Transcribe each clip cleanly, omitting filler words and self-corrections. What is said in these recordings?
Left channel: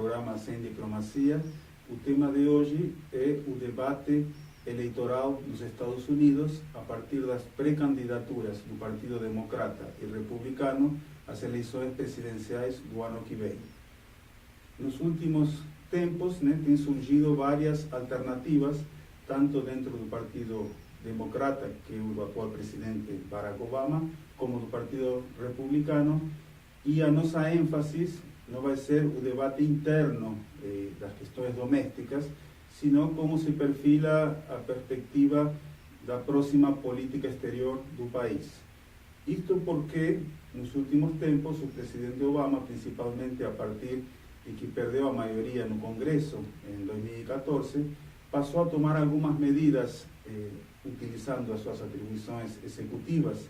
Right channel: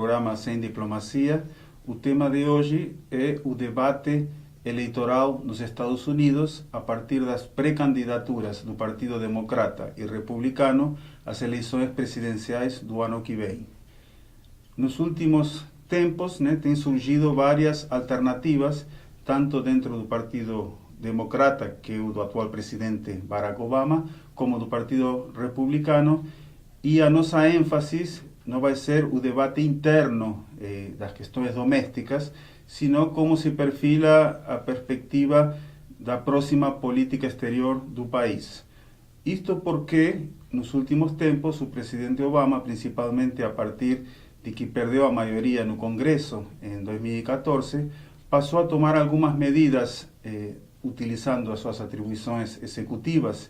programa Sem Diplomacia. O tema de hoje é o debate eleitoral nos Estados Unidos a partir das pré-candidaturas do Partido Democrata e Republicano às eleições presidenciais do ano que vem. Nos últimos tempos, têm surgido várias alternativas, tanto dentro do Partido Democrata, que é o do atual presidente Barack Obama, como do Partido Republicano, e a nossa ênfase não vai ser o debate interno das questões domésticas, sino como se perfila a perspectiva da próxima política exterior do país. Isto porque, nos últimos tempos, o presidente Obama, principalmente a partir de que perdeu a maioria no Congresso em 2014, passou a tomar algumas medidas utilizando as suas atribuições executivas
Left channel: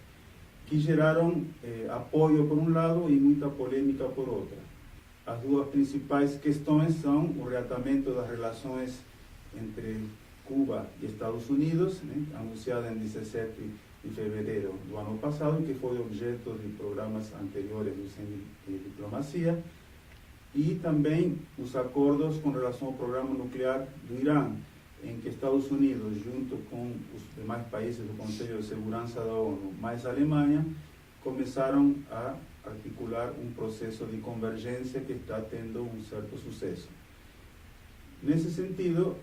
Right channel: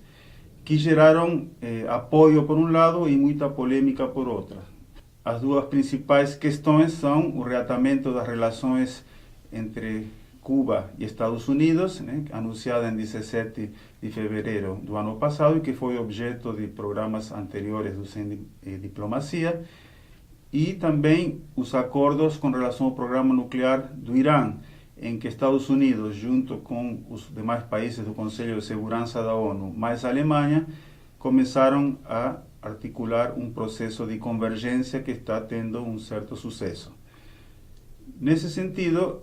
que geraram apoio por um lado e muita polêmica por outra. As duas principais questões são o reatamento das relações entre Cuba e Estados Unidos, anunciada em 17 de fevereiro do ano passado e que foi objeto de programas anteriores do Sem Diplomacia, e também os acordos com relação ao programa nuclear do Irã, em que Estados Unidos, junto com os demais países do Conselho de Segurança da ONU, mais a Alemanha, começaram a articular um processo de convergência que está tendo um certo sucesso. Nesse sentido,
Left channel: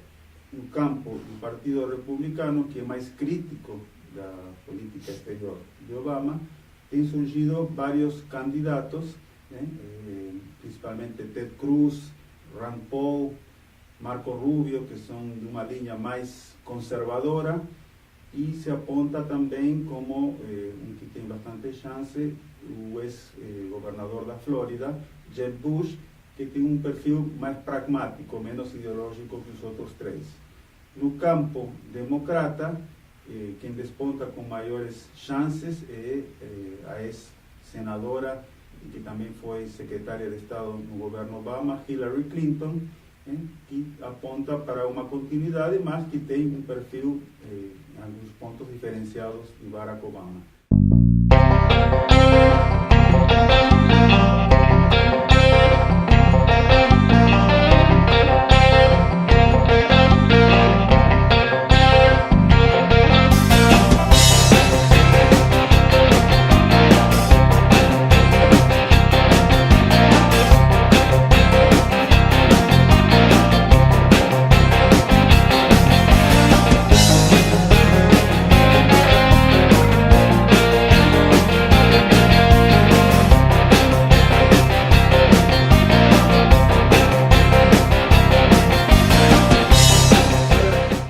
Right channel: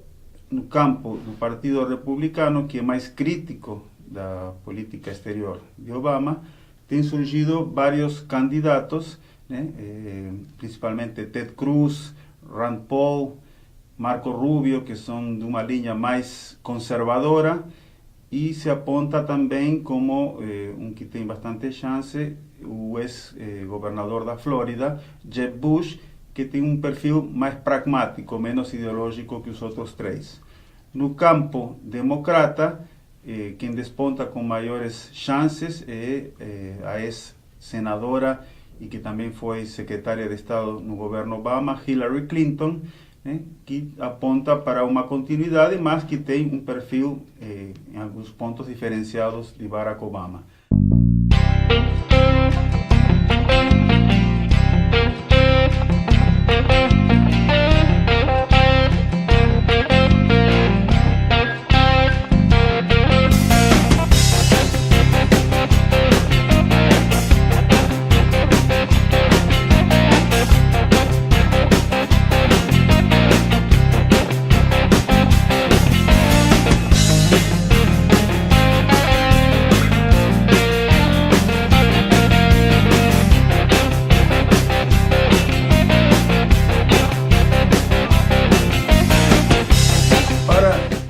no campo do Partido Republicano, que é mais crítico da política exterior de Obama, têm surgido vários candidatos, principalmente Ted Cruz, Rand Paul, Marco Rubio, que são de uma linha mais conservadora, e se aponta também como um que tem bastante chance, o ex-governador da Flórida, Jeb Bush, que tem um perfil mais pragmático, menos ideológico que os outros três. No campo democrata, quem desponta com maiores chances é a ex-senadora e que também foi secretária de Estado no governo Obama, Hillary Clinton, que aponta para uma continuidade, mas que tem um perfil, em alguns pontos, diferenciados de Barack Obama.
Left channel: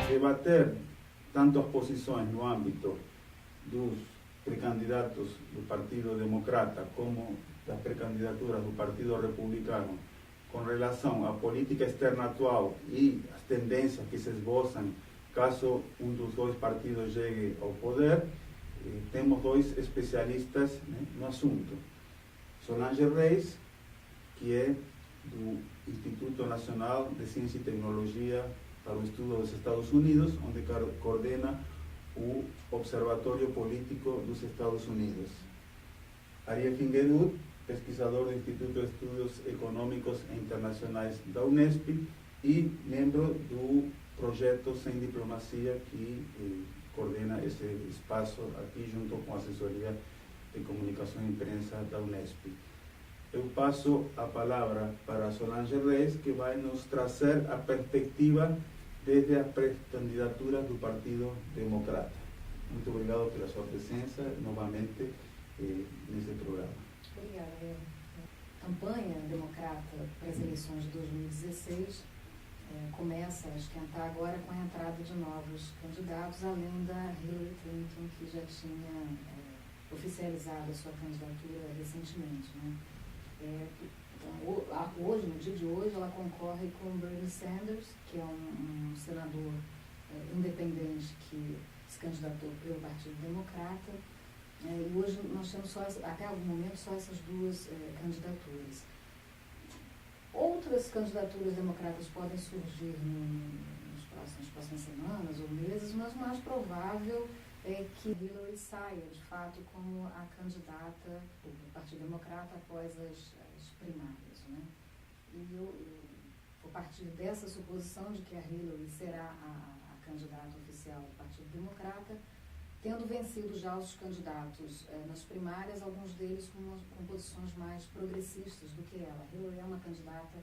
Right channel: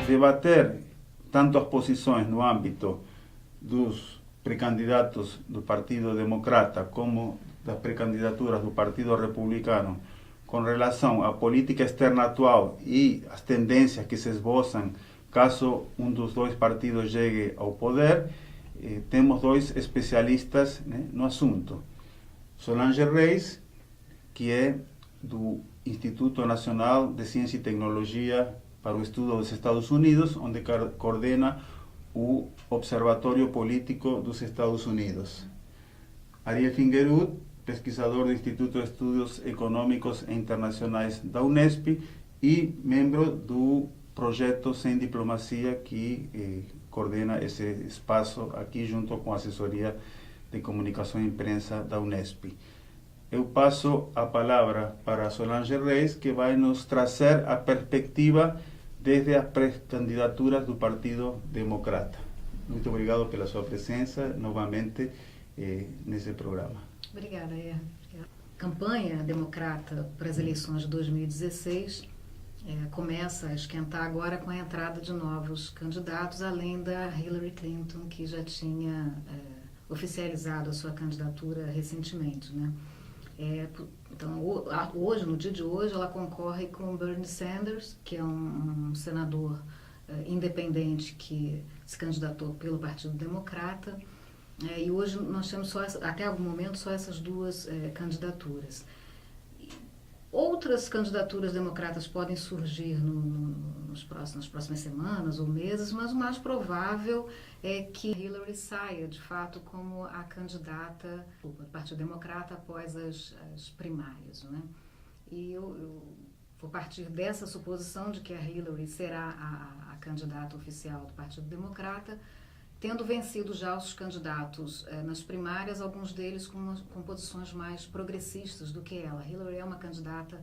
Debater tanto as posições no âmbito dos pré-candidatos do Partido Democrata como das pré-candidaturas do Partido Republicano com relação à política externa atual e as tendências que se esboçam caso um dos dois partidos chegue ao poder, temos dois especialistas no assunto. Solange Reis, que é do Instituto Nacional de Ciência e Tecnologia para o Estudo dos Estados Unidos, onde coordena o Observatório Político dos Estados Unidos. Ariel Fingerud, pesquisador do Instituto de Estudos Econômicos e Internacionais da Unesp e membro do projeto Sem Diplomacia, que coordena esse espaço aqui junto com a assessoria de comunicação e imprensa da Unesp. Eu passo a palavra para Solange Reis, que vai nos trazer a perspectiva desde as pré-candidaturas do Partido Democrata. Muito obrigado pela sua presença novamente nesse programa. Obrigada. A campanha democrata para as eleições de 2016 começa a esquentar agora com a entrada de novos candidatos, além da Hillary Clinton, que já tinha oficializado a sua candidatura recentemente, Então, hoje, no dia de hoje, ela concorre com Bernie Sanders, que é um senador independente que se candidatou pelo Partido Democrata. E hoje nós temos até algum momento só essas duas candidaturas. Outras candidaturas democratas podem surgir nas próximas semanas ou meses, mas o mais provável é que Hillary saia, de fato, como a candidata do Partido Democrata após as primárias, E eu vou partir dessa suposição de que a Hillary será a candidata oficial do Partido Democrata, tendo vencido já os candidatos nas primárias, alguns deles com posições mais progressistas do que ela. Hillary é uma candidata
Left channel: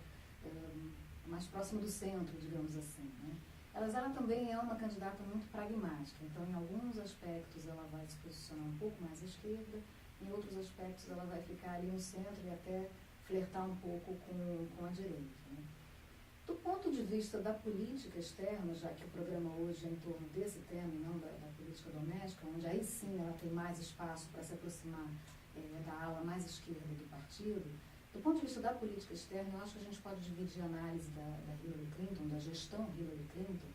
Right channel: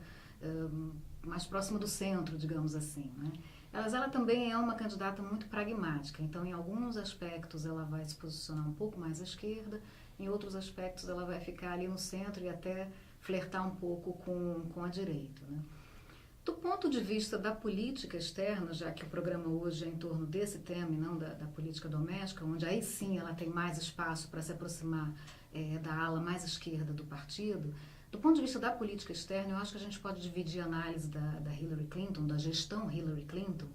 mais próxima do centro, digamos assim, né? Ela também é uma candidata muito pragmática, então em alguns aspectos ela vai se posicionar um pouco mais à esquerda, em outros aspectos ela vai ficar ali no centro e até flertar um pouco com a direita, né? Do ponto de vista da política externa, já que o programa hoje é em torno desse tema e não da política doméstica, onde aí sim ela tem mais espaço para se aproximar da ala mais esquerda do partido, do ponto de vista da política externa, eu acho que a gente pode dividir a análise da Hillary Clinton, da gestão Hillary Clinton,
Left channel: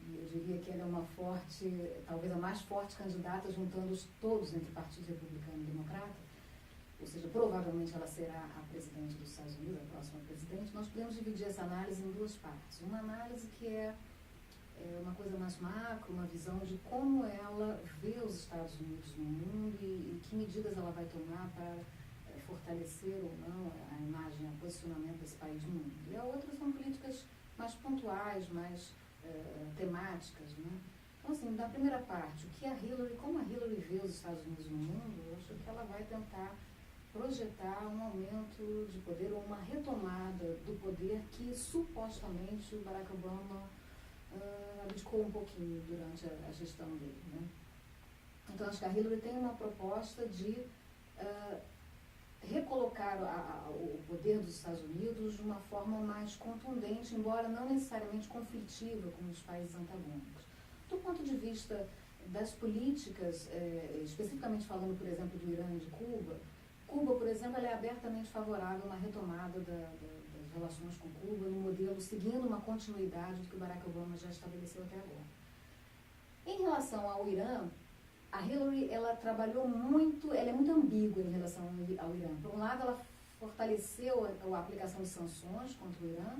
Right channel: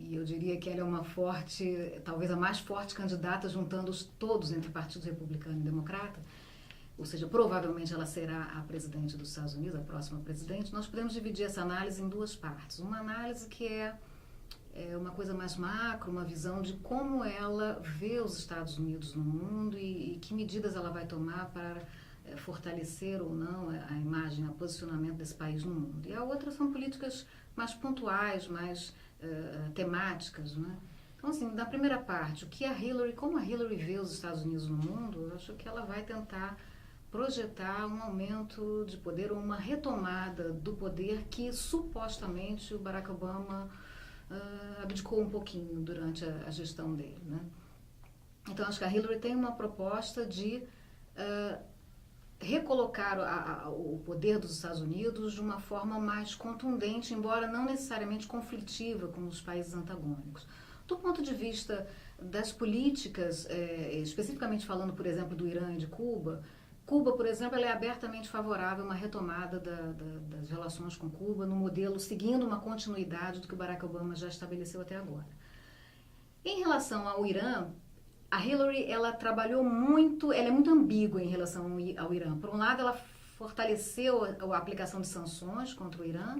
e eu diria que ela é uma forte, talvez a mais forte candidata, juntando-os todos entre Partido Republicano e Democrata, ou seja, provavelmente ela será a presidente dos Estados Unidos, a próxima presidente. Nós podemos dividir essa análise em duas partes. Uma análise que é uma coisa mais macro, uma visão de como ela vê os Estados Unidos no mundo e que medidas ela vai tomar para fortalecer ou não a imagem, o posicionamento desse país no mundo. E a outra são políticas mais pontuais, mais temáticas, né? Então, assim, na primeira parte, como a Hillary vê os Estados Unidos no mundo, eu acho que ela vai tentar projetar um aumento de poder ou uma retomada do poder que supostamente o Barack Obama abdicou um pouquinho durante a gestão dele, né? Então, acho que a Hillary tem uma proposta de recolocar o poder dos Estados Unidos de uma forma mais contundente, embora não necessariamente conflitiva com os países antagônicos. Do ponto de vista das políticas, especificamente falando, por exemplo, do Irã e de Cuba, por exemplo, ela é abertamente favorável a uma retomada das relações com Cuba no modelo, seguindo uma continuidade do que o Barack Obama já estabeleceu até agora. Em relação ao Irã, a Hillary, ela trabalhou muito, ela é muito ambígua em relação ao Irã. Por um lado, ela fortaleceu a aplicação de sanções contra o Irã,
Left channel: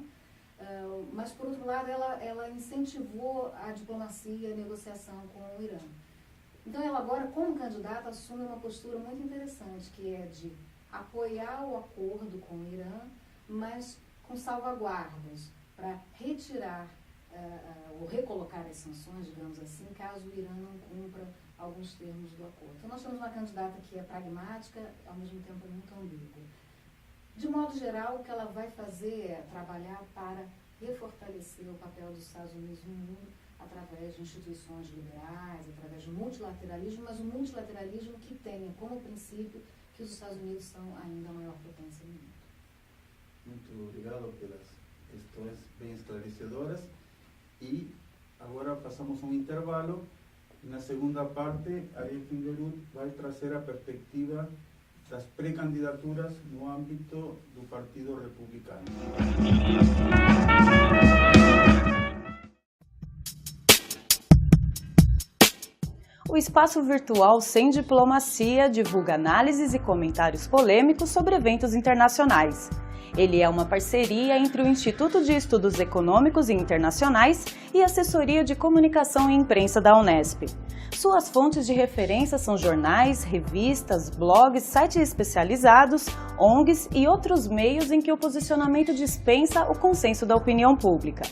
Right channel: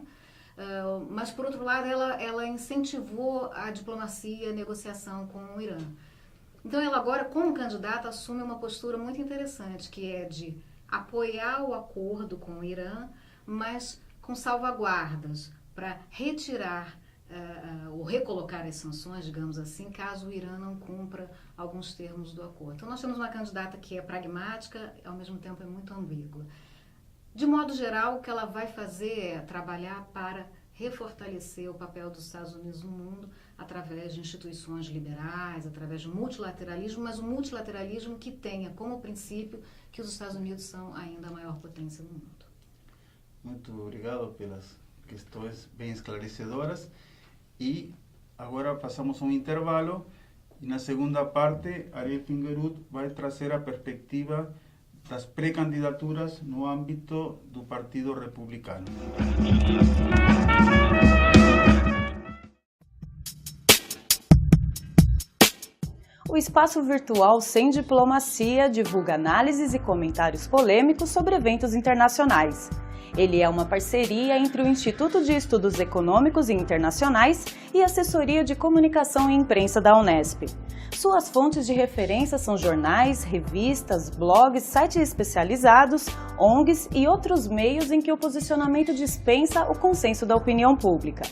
mas, por outro lado, ela incentivou a diplomacia e a negociação com o Irã. Então, ela agora, como candidata, assume uma postura muito interessante, que é de apoiar o acordo com o Irã, mas com salvaguardas para retirar ou recolocar as sanções, digamos assim, caso o Irã não cumpra alguns termos do acordo. Então, nós temos uma candidata que é pragmática, ao mesmo tempo é muito ambígua. De modo geral, o que ela vai fazer é trabalhar para refortalecer o papel dos Estados Unidos no mundo através de instituições liberais, através do multilateralismo, mas um multilateralismo que tenha como princípio que os Estados Unidos são ainda a maior potência do mundo. Muito obrigado pelas questões bem esclarecedoras. E agora passamos um intervalo. E na segunda parte, Ariel Fingerud vai trazer a perspectiva das pré-candidaturas no âmbito do Partido Republicano. O espaço virtual Sem Diplomacia divulga análises e comentários polêmicos sobre eventos internacionais. Ele é uma parceria entre o Instituto de Estudos Econômicos e Internacionais e a Assessoria de Comunicação e Imprensa da Unesp. Suas fontes de referência são jornais, revistas, blogs, sites especializados, ONGs e outros meios em que o posicionamento dispensa o consenso da opinião pública.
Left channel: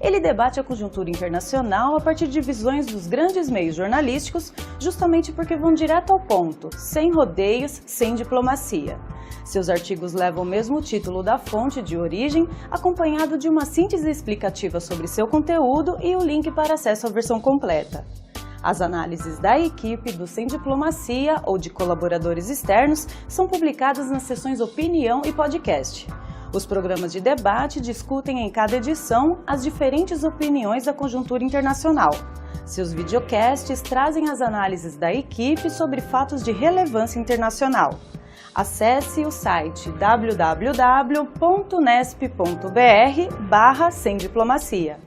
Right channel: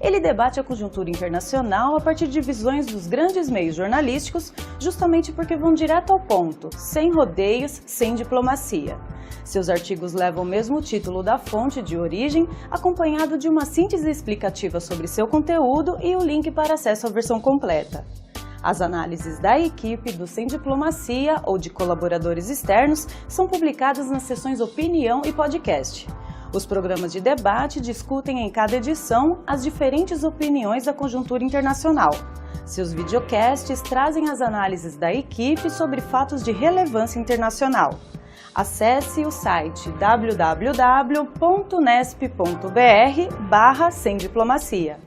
Ele debate a conjuntura internacional a partir de visões dos grandes meios jornalísticos, justamente porque vão direto ao ponto, sem rodeios, sem diplomacia. Seus artigos levam o mesmo título da fonte de origem, acompanhado de uma síntese explicativa sobre seu conteúdo e o link para acesso à versão completa. As análises da equipe do Sem Diplomacia ou de colaboradores externos são publicadas nas seções Opinião e Podcast. Os programas de debate discutem em cada edição as diferentes opiniões da conjuntura internacional. Seus videocasts trazem as análises da equipe sobre fatos de relevância internacional. Acesse o site www.unesp.br/semdiplomacia.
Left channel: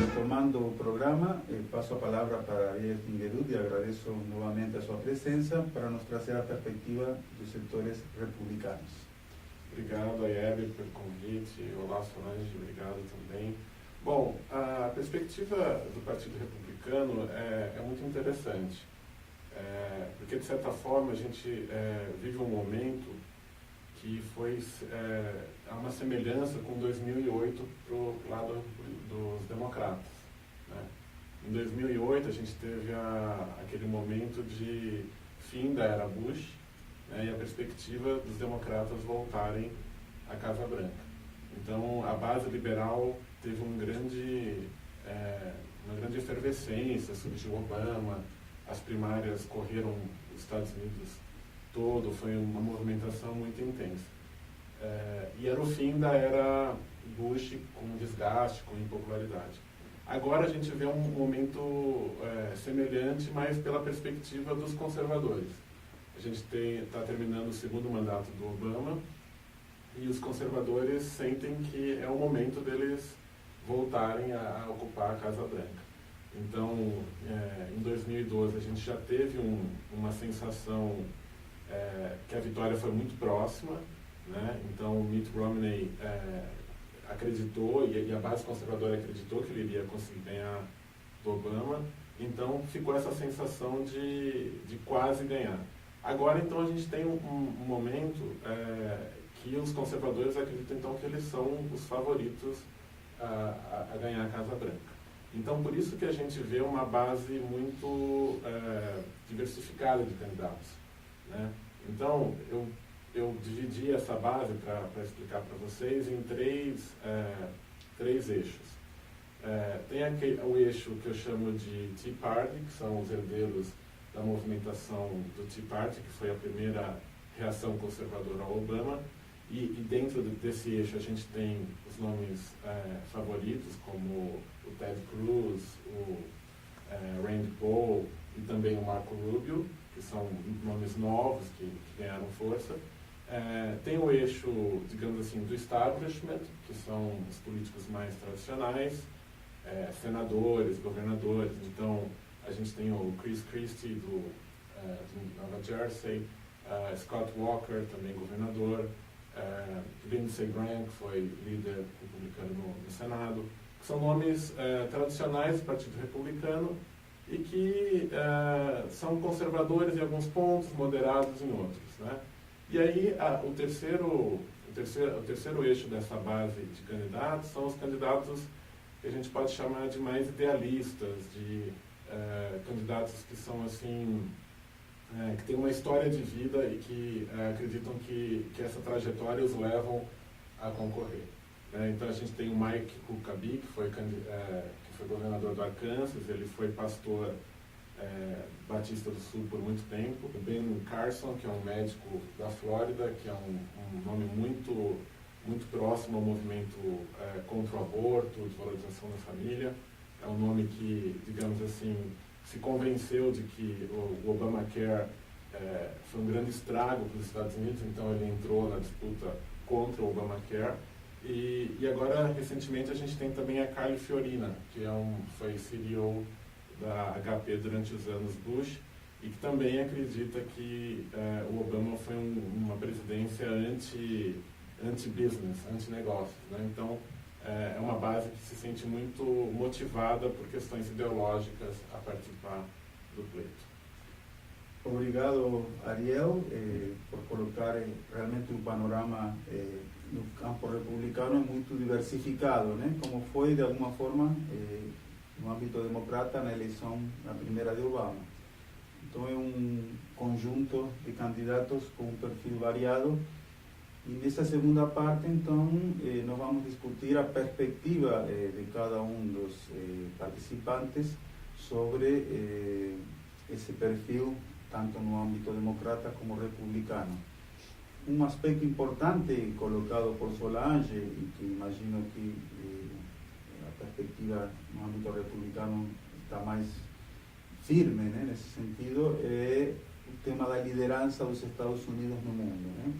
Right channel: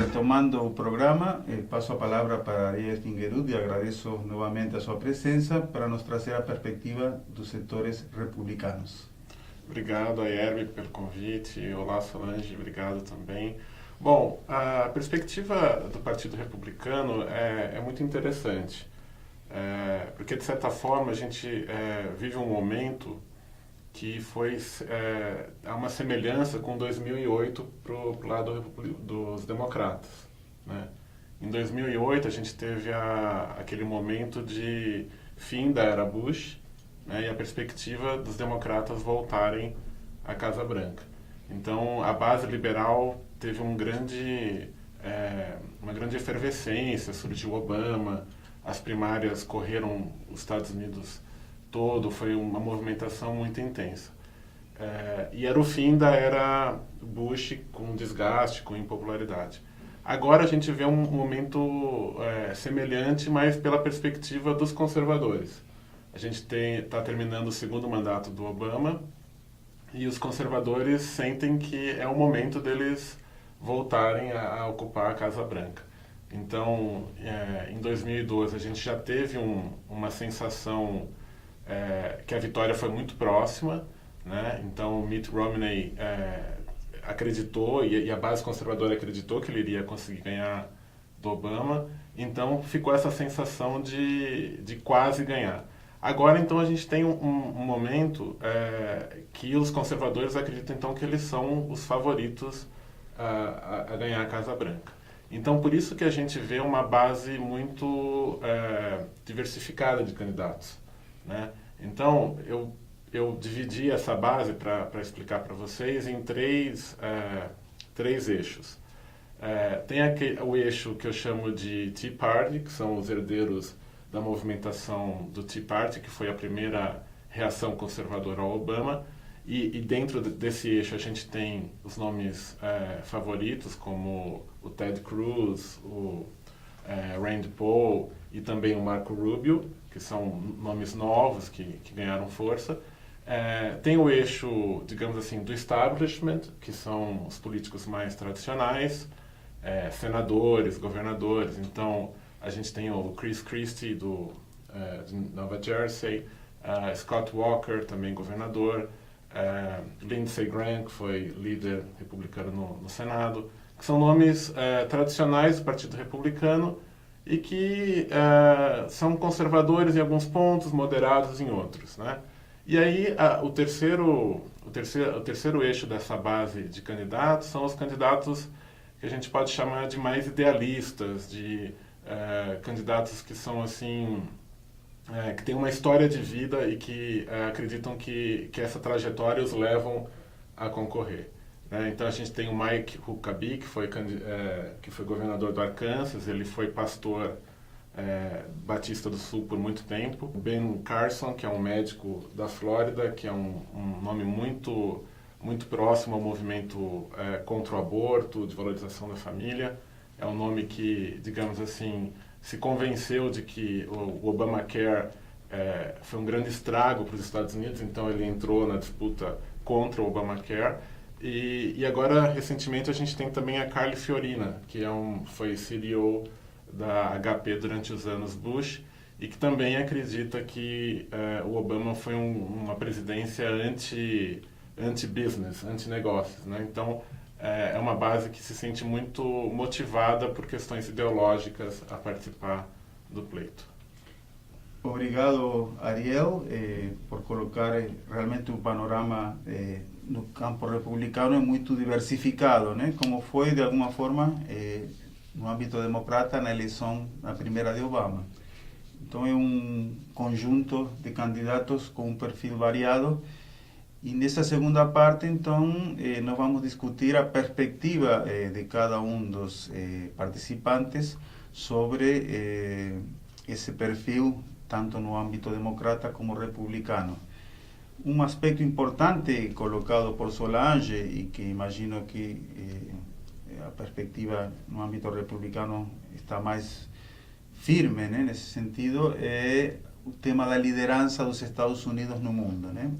Retomando o programa, passo a palavra para Ariel Fingerud e agradeço novamente a sua presença para nos trazer a perspectiva dos setores republicanos. Obrigado, Ayerbe, pelo convite. Olá, Solange, obrigado também. Bom, a perspectiva do Partido Republicano é muito interessante, porque de certa forma a gente vive um momento que há uma semelhança com 2008 para o lado dos democratas, né? Em 2008 a gente teve aquele momento de fim da era Bush, né, e a perspectiva dos democratas voltarem à Casa Branca. Então a base liberal teve uma grande efervescência, surgiu Obama, as primárias correram os Estados Unidos todo, foi uma movimentação muito intensa. E era o fim da era Bush com desgaste, com impopularidade. Agora a gente vê um momento semelhante, mas pela perspectiva dos conservadores. A gente está terminando o segundo mandato do Obama e os conservadores sentem que é o momento deles voltarem a ocupar a Casa Branca. Então, em 2012, a gente já teve uma sensação que a vitória foi muito próxima, né? Então, Mitt Romney acreditou, e a base conservadora acreditou que ele iria conseguir ganhar do Obama. Então, ficou essa sensação de quase ganhar. Agora, então, a gente tem um momento que os conservadores acreditam, então, que eles são os favoritos a ganhar a Casa Branca. Então, por isso que a gente vê uma base muito diversificada de candidatos, né? Então, eu dividi essa base para explicar para vocês em três eixos. Tem o eixo que eu chamo de Tea Party, que são os herdeiros da movimentação do Tea Party, que foi a primeira reação conservadora ao Obama. E dentro desse eixo a gente tem os nomes favoritos, como o Ted Cruz, o Rand Paul e também o Marco Rubio, que são nomes novos que ganharam força. Tem o eixo, digamos assim, do establishment, que são os políticos mais tradicionais, senadores, governadores. Então, a gente tem o Chris Christie, de Nova Jersey, Scott Walker, também governador, Lindsey Graham, que foi líder republicano no Senado, que são nomes tradicionais do Partido Republicano e que são conservadores em alguns pontos, moderados em outros, né? E aí o terceiro eixo dessa base de candidatos são os candidatos que a gente pode chamar de mais idealistas, de candidatos que são assim, que têm uma história de vida e que acreditam que essa trajetória os levam a concorrer. Então a gente tem o Mike Huckabee, que foi governador do Arkansas, ele foi pastor Batista do Sul por muito tempo. Ben Carson, que é um médico da Flórida, que é um nome muito próximo ao movimento contra o aborto, de valorização da família. É um nome que, digamos assim, se convenceu de que o Obamacare foi um grande estrago para os Estados Unidos, então ele entrou na disputa contra o Obamacare. E agora, recentemente, a gente tem também a Carly Fiorina, que foi CEO da HP durante os anos Bush e que também acredita que o Obama foi uma presidência anti-business, anti-negócios, né? Então, é uma base que se sente muito motivada por questões ideológicas a participar do pleito. Obrigado, Ariel, por colocar realmente panorama no campo republicano muito diversificado, né? Como foi, de alguma forma, no âmbito democrata, na eleição, na primeira de Obama. Então, é conjunto de candidatos com perfil variado. E nessa segunda parte, então, nós vamos discutir a perspectiva de cada dos participantes sobre esse perfil, tanto no âmbito democrata como republicano. Aspecto importante colocado por Solange, e que imagino que a perspectiva no âmbito republicano está mais firme, né, nesse sentido, é o tema da liderança dos Estados Unidos no mundo, né?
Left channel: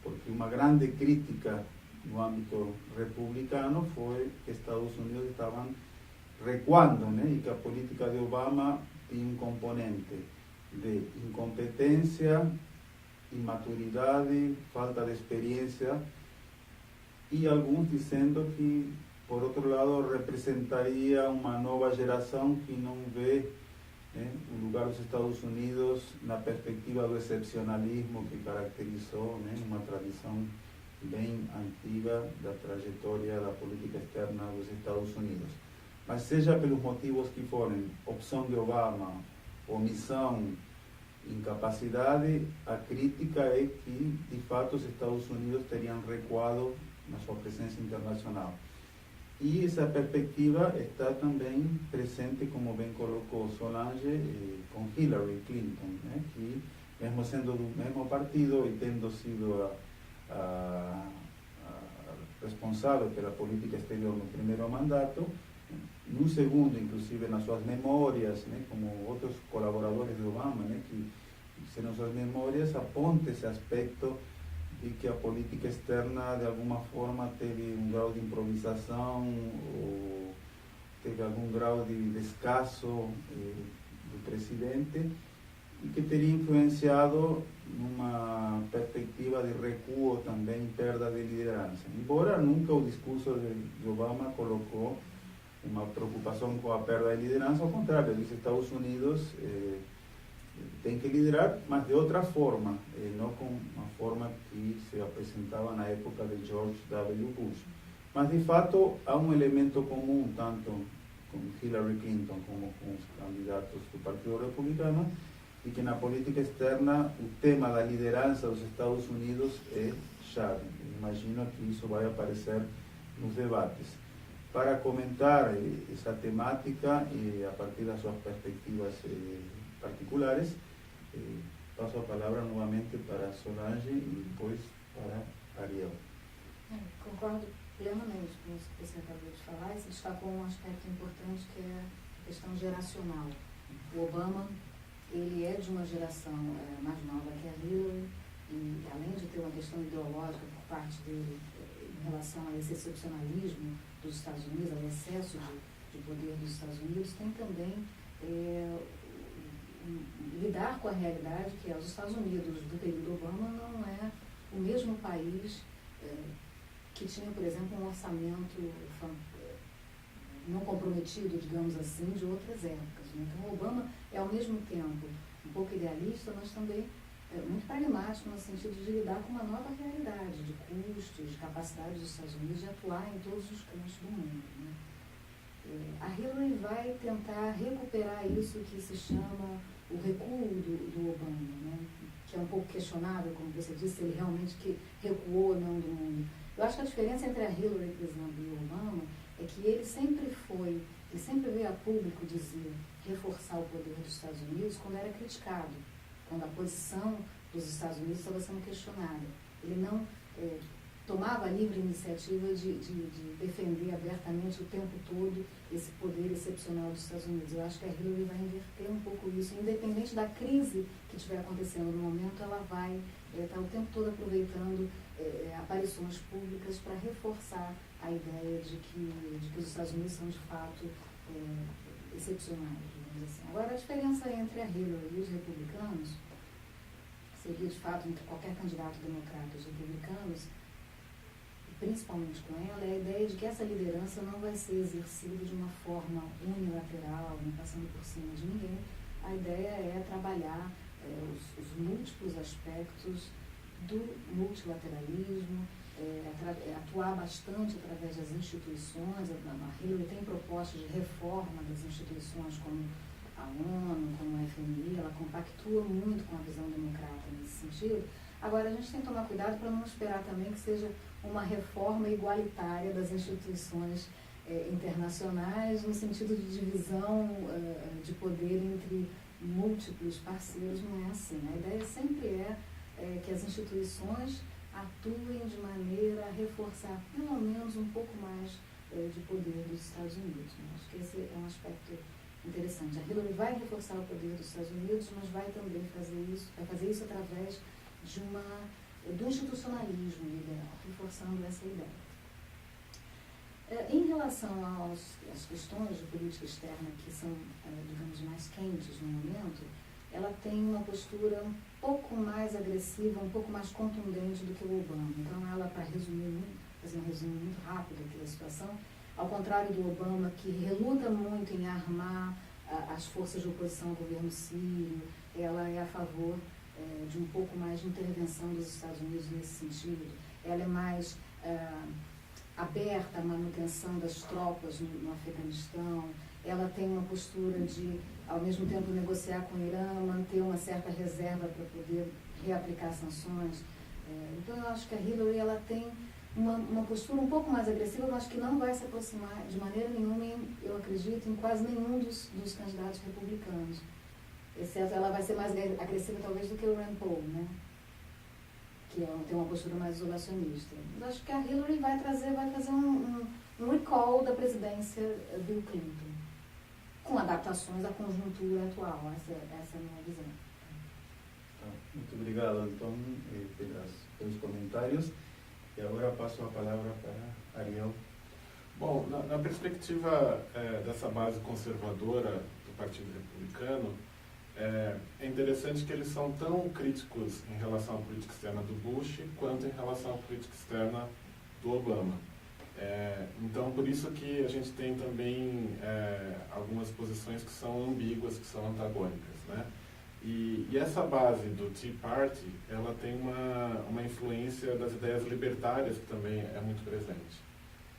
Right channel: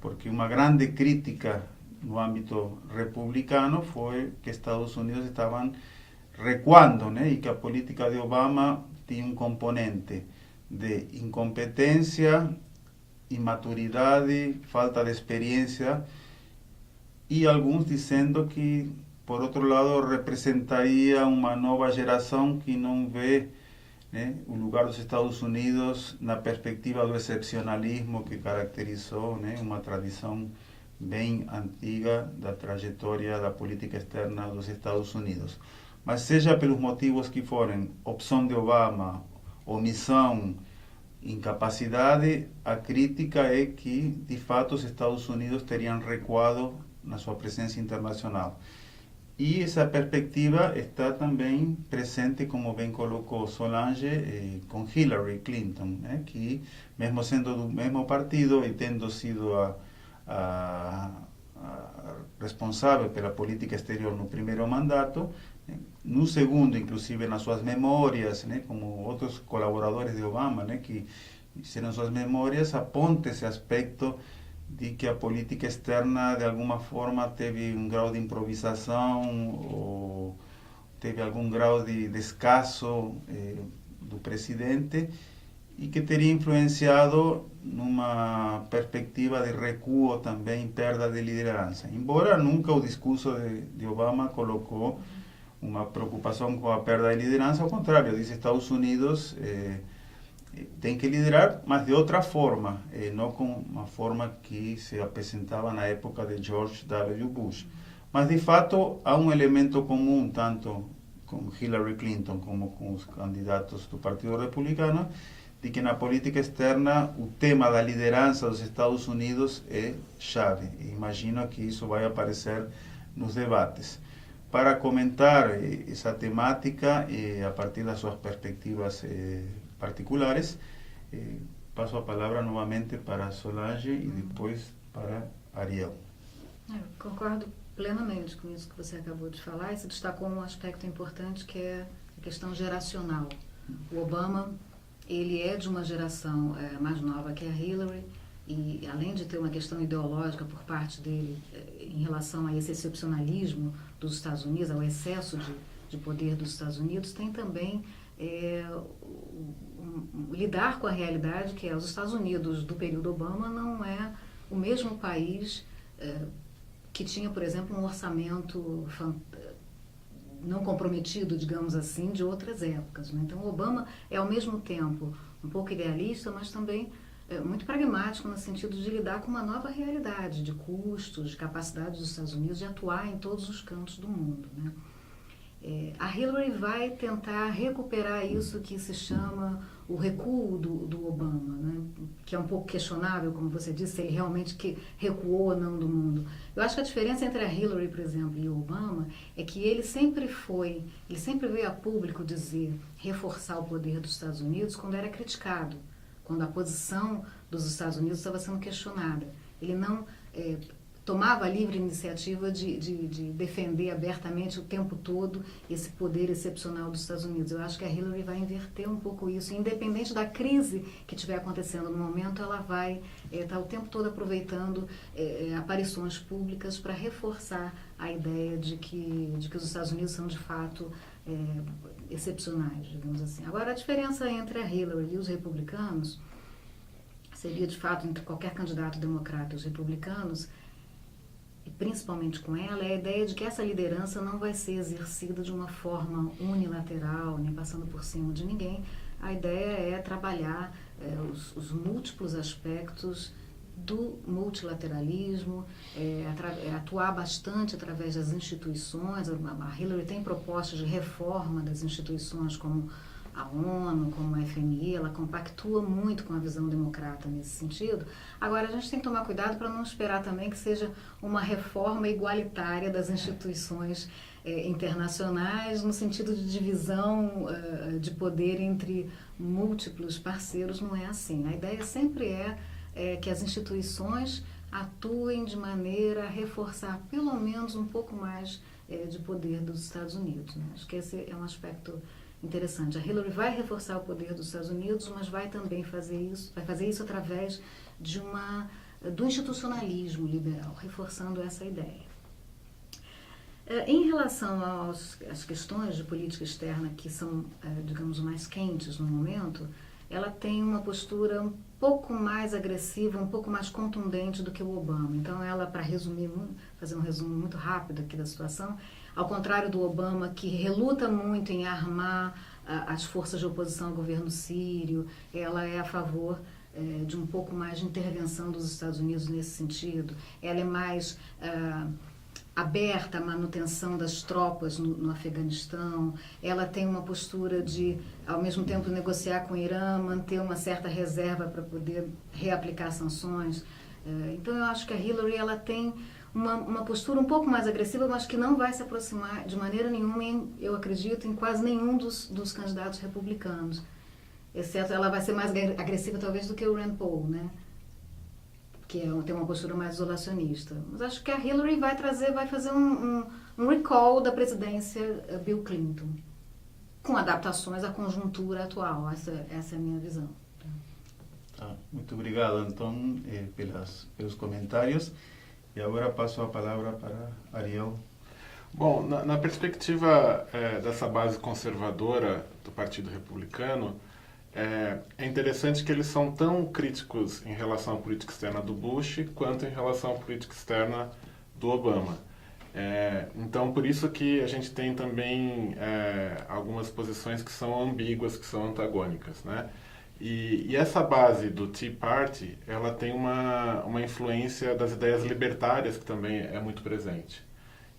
Porque uma grande crítica no âmbito republicano foi que Estados Unidos estavam recuando, né, e que a política de Obama tinha componente de incompetência, imaturidade, falta de experiência, e alguns dizendo que, por outro lado, representaria uma nova geração que não vê né, o lugar dos Estados Unidos na perspectiva do excepcionalismo que caracterizou, né, uma tradição bem antiga da trajetória da política externa dos Estados Unidos. Mas seja pelos motivos que forem, opção de Obama, omissão, incapacidade, a crítica é que, de fato, os Estados Unidos teriam recuado na sua presença internacional. E essa perspectiva está também presente, como bem colocou Solange, com Hillary Clinton, né, que, mesmo sendo do mesmo partido e tendo sido a responsável pela política exterior no primeiro mandato, no segundo, inclusive nas suas memórias, né, como outros colaboradores de Obama, né, que fizeram suas memórias, aponta esse aspecto de que a política externa, de alguma forma, teve um grau de improvisação ou teve algum grau de descaso do presidente e que teria influenciado numa perspectiva de recuo também, perda de liderança. Embora nunca o discurso de Obama colocou uma preocupação com a perda de liderança, ao contrário, diz Estados Unidos tem que liderar, mas de outra forma, não com uma forma que se apresentava na época de George W. Bush. Mas, de fato, há um elemento comum, tanto com Hillary Clinton como com os candidatos do Partido Republicano, de que na política externa o tema da liderança dos Estados Unidos é chave. E imagino que isso vai aparecer nos debates. Para comentar essa temática, a partir das suas perspectivas particulares, passo a palavra novamente para Solange e depois para Ariel. Eu concordo plenamente com isso que você acabou de falar, e se destacou um aspecto importante que é a questão geracional. O Obama, ele é de uma geração mais nova que a Hillary, e além de ter uma questão ideológica por parte dele em relação a esse excepcionalismo dos Estados Unidos, ao excesso de poder dos Estados Unidos, tem também lidar com a realidade que os Estados Unidos do período Obama não é o mesmo país que tinha, por exemplo, um orçamento não comprometido, digamos assim, de outras épocas, né? Então, o Obama é, ao mesmo tempo, um pouco idealista, mas também muito pragmático no sentido de lidar com uma nova realidade de custos, de capacidade dos Estados Unidos de atuar em todos os cantos do mundo, né? A Hillary vai tentar recuperar isso que se chama o recuo do Obama, né? Que é um pouco questionável, como você disse, se ele realmente que recuou ou não do mundo. Eu acho que a diferença entre a Hillary, por exemplo, e o Obama é que ele sempre veio a público dizer, reforçar o poder dos Estados Unidos quando era criticado, quando a posição dos Estados Unidos estava sendo questionada. Ele não tomava a livre iniciativa de defender abertamente o tempo todo esse poder excepcional dos Estados Unidos. Eu acho que a Hillary vai inverter um pouco isso. Independente da crise que estiver acontecendo no momento, ela vai estar o tempo todo aproveitando aparições públicas para reforçar a ideia de que os Estados Unidos são, de fato, excepcionais, digamos assim. Agora, a diferença entre a Hillary e os republicanos seria, de fato, entre qualquer candidato democrata e os republicanos, e principalmente com ela, é a ideia de que essa liderança não vai ser exercida de uma forma unilateral, nem passando por cima de ninguém. A ideia é trabalhar os múltiplos aspectos do multilateralismo, atuar bastante através das instituições. A Hillary tem propostas de reforma das instituições como a ONU, como a FMI, ela compactua muito com a visão democrata nesse sentido. Agora, a gente tem que tomar cuidado para não esperar também que seja uma reforma igualitária das instituições internacionais, no sentido de divisão de poder entre múltiplos parceiros. Não é assim. A ideia sempre é que as instituições atuem de maneira a reforçar pelo menos um pouco mais de poder dos Estados Unidos, né? Acho que esse é um aspecto interessante. A Hillary vai reforçar o poder dos Estados Unidos, mas vai também fazer isso através do institucionalismo liberal, reforçando essa ideia. Em relação às questões de política externa que são, digamos, mais quentes no momento, ela tem uma postura um pouco mais agressiva, um pouco mais contundente do que o Obama. Então, ela, para fazer um resumo muito rápido aqui da situação, ao contrário do Obama, que reluta muito em armar as forças de oposição ao governo sírio. Ela é a favor de um pouco mais de intervenção dos Estados Unidos nesse sentido. Ela é mais aberta à manutenção das tropas no Afeganistão. Ela tem uma postura de, ao mesmo tempo, negociar com o Irã, manter uma certa reserva para poder reaplicar sanções. Então, eu acho que a Hillary ela tem uma postura um pouco mais agressiva, mas que não vai se aproximar de maneira nenhuma, eu acredito, em quase nenhum dos candidatos republicanos. Exceto, ela vai ser mais agressiva, talvez, do que o Rand Paul, né? Que tem uma postura mais isolacionista. Mas acho que a Hillary vai fazer um recall da presidência Bill Clinton, com adaptações à conjuntura atual. Essa é a minha visão. Muito obrigado, Antônio, pelos comentários. E agora passo a palavra para Ariel. Bom, na perspectiva dessa base conservadora do Partido Republicano, é interessante que eles são tão críticos em relação à política externa do Bush quanto em relação à política externa do Obama. Então, por isso que a gente tem também algumas posições que são ambíguas, que são antagônicas, né? E essa base do Tea Party, ela tem uma influência das ideias libertárias que também é muito presente.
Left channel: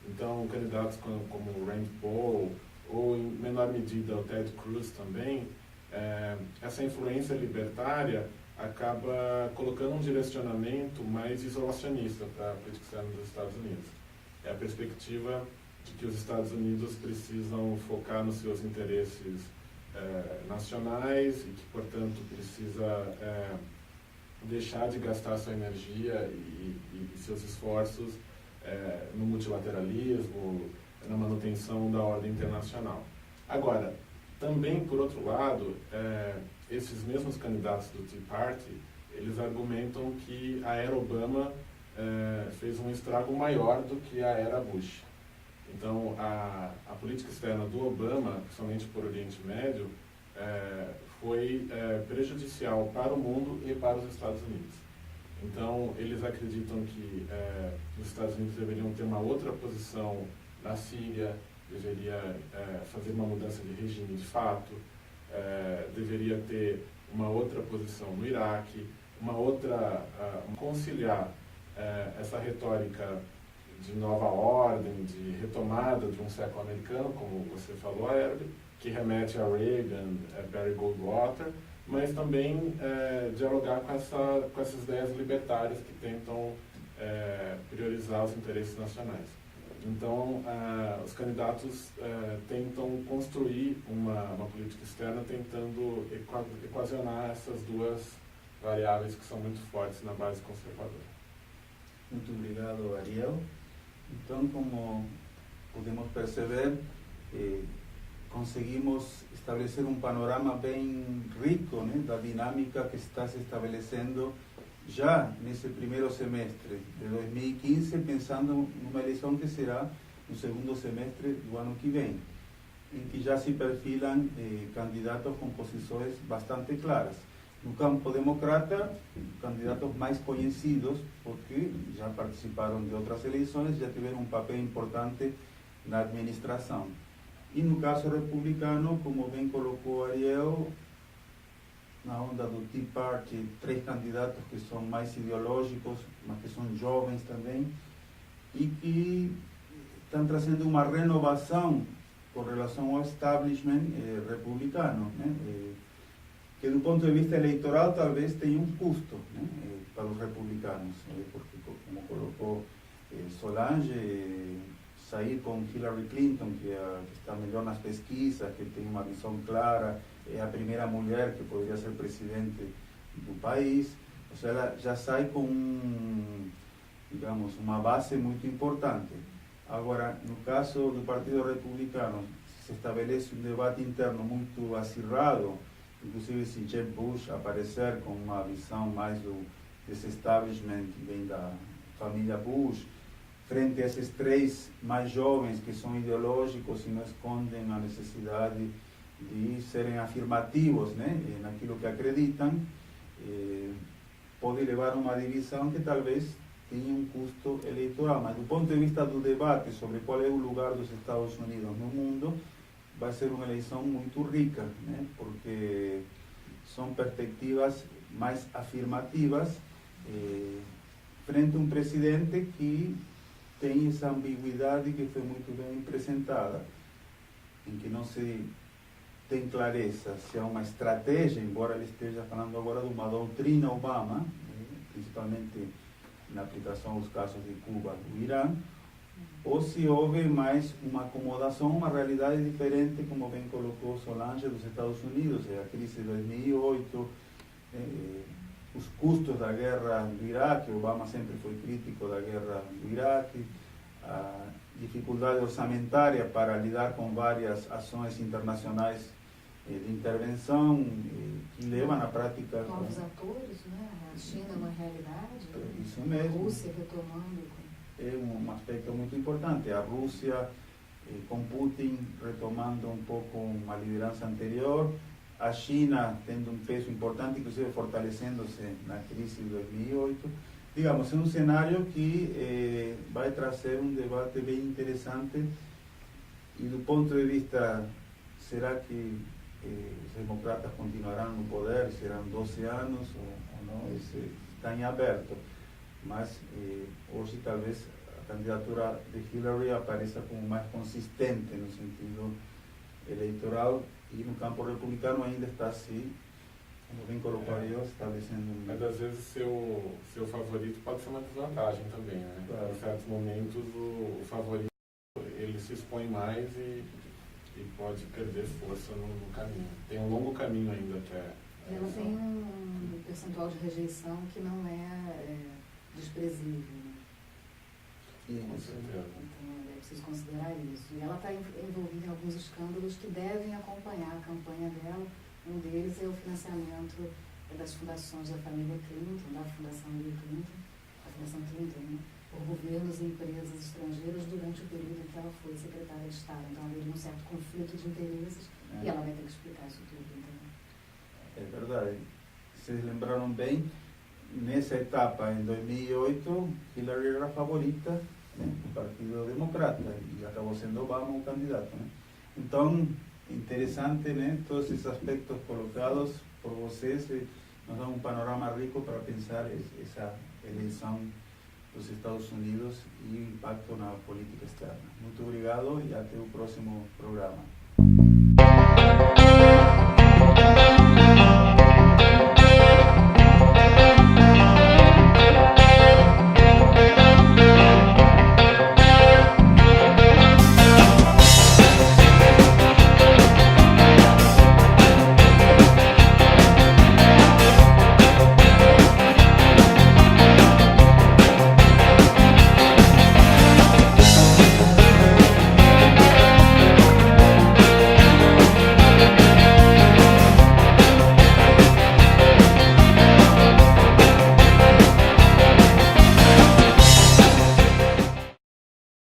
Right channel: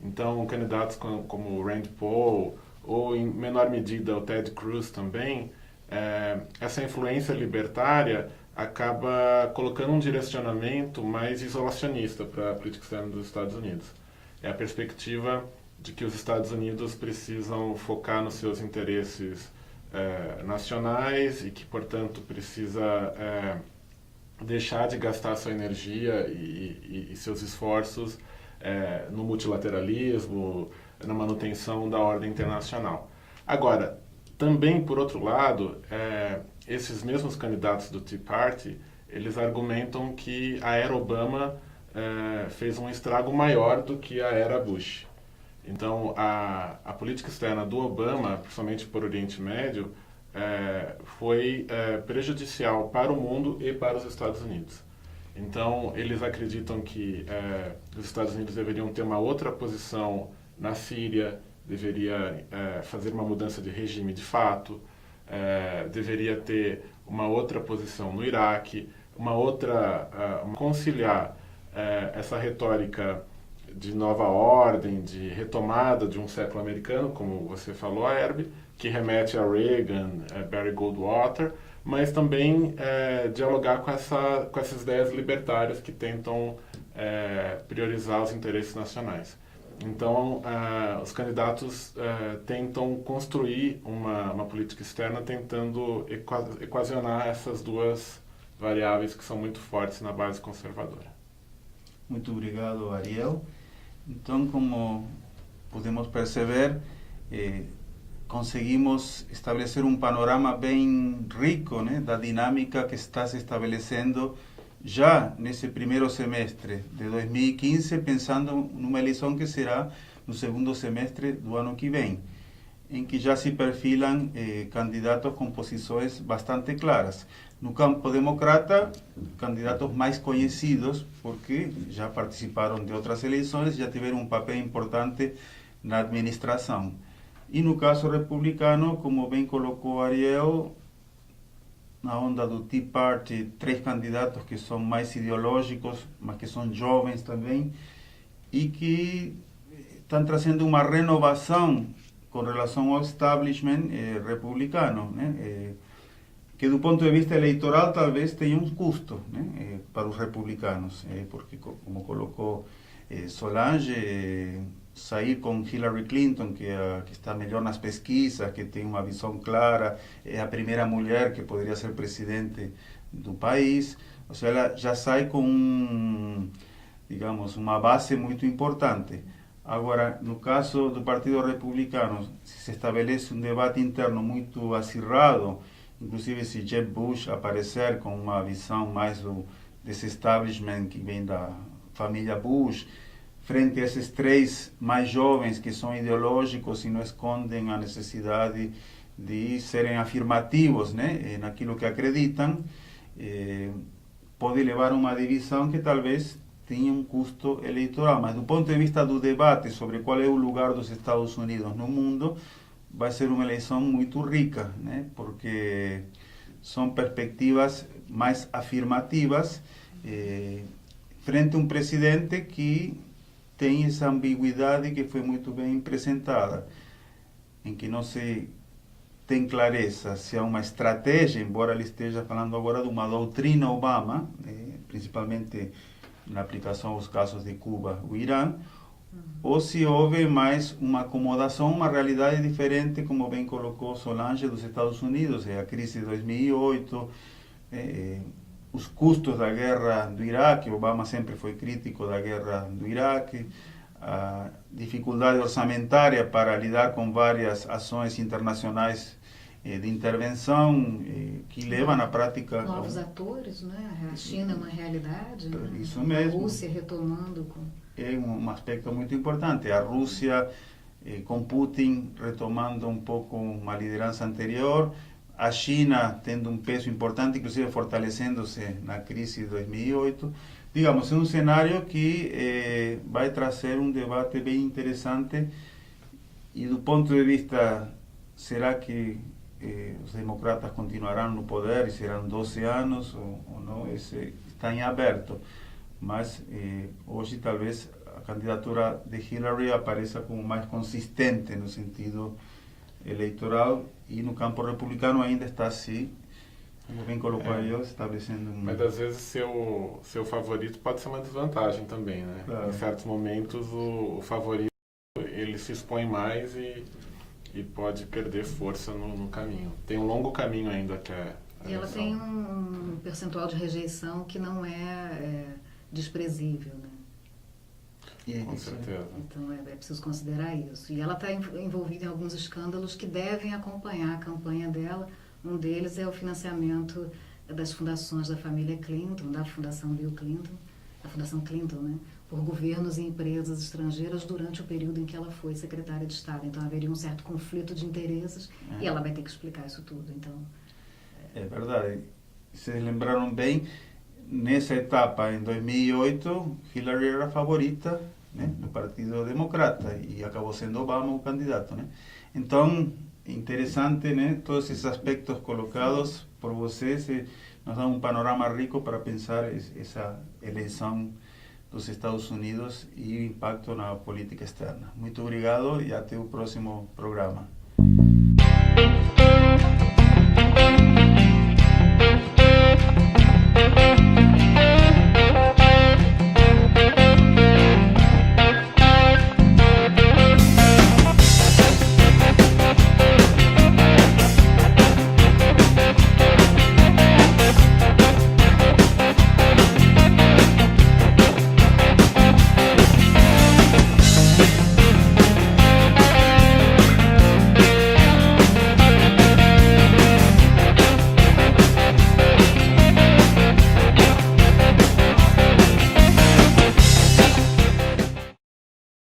Então, candidatos como o Rand Paul, ou em menor medida o Ted Cruz também, essa influência libertária acaba colocando um direcionamento mais isolacionista para a política externa dos Estados Unidos. É a perspectiva de que os Estados Unidos precisam focar nos seus interesses nacionais e que, portanto, precisa deixar de gastar sua energia e seus esforços no multilateralismo, na manutenção da ordem internacional. Agora, também, por outro lado, esses mesmos candidatos do Tea Party, eles argumentam que a era Obama fez um estrago maior do que a era Bush. Então, a política externa do Obama, principalmente por Oriente Médio, foi prejudicial para o mundo e para os Estados Unidos. Então, eles acreditam que os Estados Unidos deveriam ter uma outra posição na Síria, deveria fazer uma mudança de regime de fato, deveria ter uma outra posição no Iraque, conciliar essa retórica de nova ordem, de retomada de um século americano, como você falou, Herbie, que remete a Reagan, Barry Goldwater, mas também dialogar com essas ideias libertárias que tentam priorizar os interesses nacionais. Então, os candidatos tentam construir uma política externa tentando equacionar essas duas variáveis que são muito fortes na base conservadora. Muito obrigado, Ariel. Então, como podemos perceber, conseguimos estabelecer um panorama bem rico, né, da dinâmica que está se estabelecendo já nesse primeiro semestre de 2015, pensando numa eleição que será no segundo semestre do ano que vem, em que já se perfilam candidatos com posições bastante claras. No campo democrata, candidatos mais conhecidos, porque já participaram de outras eleições, já tiveram um papel importante na administração. E no caso republicano, como bem colocou Ariel, na onda do Tea Party, 3 candidatos que são mais ideológicos, mas que são jovens também, e que estão trazendo uma renovação com relação ao establishment republicano, né? Que do ponto de vista eleitoral talvez tenha um custo, né, para os republicanos, porque, como colocou Solange, sair com Hillary Clinton, que está melhor nas pesquisas, que tem uma visão clara, é a primeira mulher que poderia ser presidente do país, ou seja, ela já sai com, digamos, uma base muito importante. Agora, no caso do Partido Republicano, se estabelece um debate interno muito acirrado, inclusive se Jeb Bush aparecer com uma visão mais desse establishment que vem da família Bush, frente a esses 3 mais jovens que são ideológicos e não escondem a necessidade de serem afirmativos, né, naquilo que acreditam, pode levar a uma divisão que talvez tinha um custo eleitoral. Mas do ponto de vista do debate sobre qual é o lugar dos Estados Unidos no mundo, vai ser uma eleição muito rica, né? Porque são perspectivas mais afirmativas frente a um presidente que tem essa ambiguidade que foi muito bem apresentada, em que não se tem clareza se há uma estratégia, embora ele esteja falando agora de uma doutrina Obama, principalmente na aplicação aos casos de Cuba e Irã, ou se houve mais uma acomodação, uma realidade diferente, como bem colocou Solange, dos Estados Unidos, a crise de 2008, os custos da guerra do Iraque. Obama sempre foi crítico da guerra do Iraque, a dificuldade orçamentária para lidar com várias ações internacionais de intervenção que levam na prática... Novos atores, né? A China é uma realidade, né? Isso mesmo. A Rússia retomando... É um aspecto muito importante. A Rússia com Putin retomando um pouco uma liderança anterior, a China tendo um peso importante, inclusive fortalecendo-se na crise de 2008. Digamos, é um cenário que vai trazer um debate bem interessante. E do ponto de vista, será que os democratas continuarão no poder e serão 12 anos ou não? Esse está em aberto. Mas hoje talvez a candidatura de Hillary apareça como mais consistente no sentido eleitoral, e no campo republicano ainda está assim, como bem colocou eu, estabelecendo um... Mas às vezes seu favorito pode ser uma desvantagem também, né? Claro. Em certos momentos o favorito ele se expõe mais e pode perder força no caminho. Tem um longo caminho ainda até... E ela tem um percentual de rejeição que não é desprezível, né? Com certeza. Então é preciso considerar isso. E ela está envolvida em alguns escândalos que devem acompanhar a campanha dela. Um deles é o financiamento das fundações da família Clinton, da Fundação Bill Clinton, da Fundação Clinton, né, por governos e empresas estrangeiras durante o período em que ela foi secretária de Estado. Então haveria um certo conflito de interesses e ela vai ter que explicar isso tudo. Então, é verdade. Vocês lembraram bem, nessa etapa, em 2008, Hillary era a favorita, né, do Partido Democrata, e acabou sendo Obama o candidato, né? Então, interessante, né, todos esses aspectos colocados por vocês nos dão um panorama rico para pensar essa eleição dos Estados Unidos e o impacto na política externa. Muito obrigado e até o próximo programa.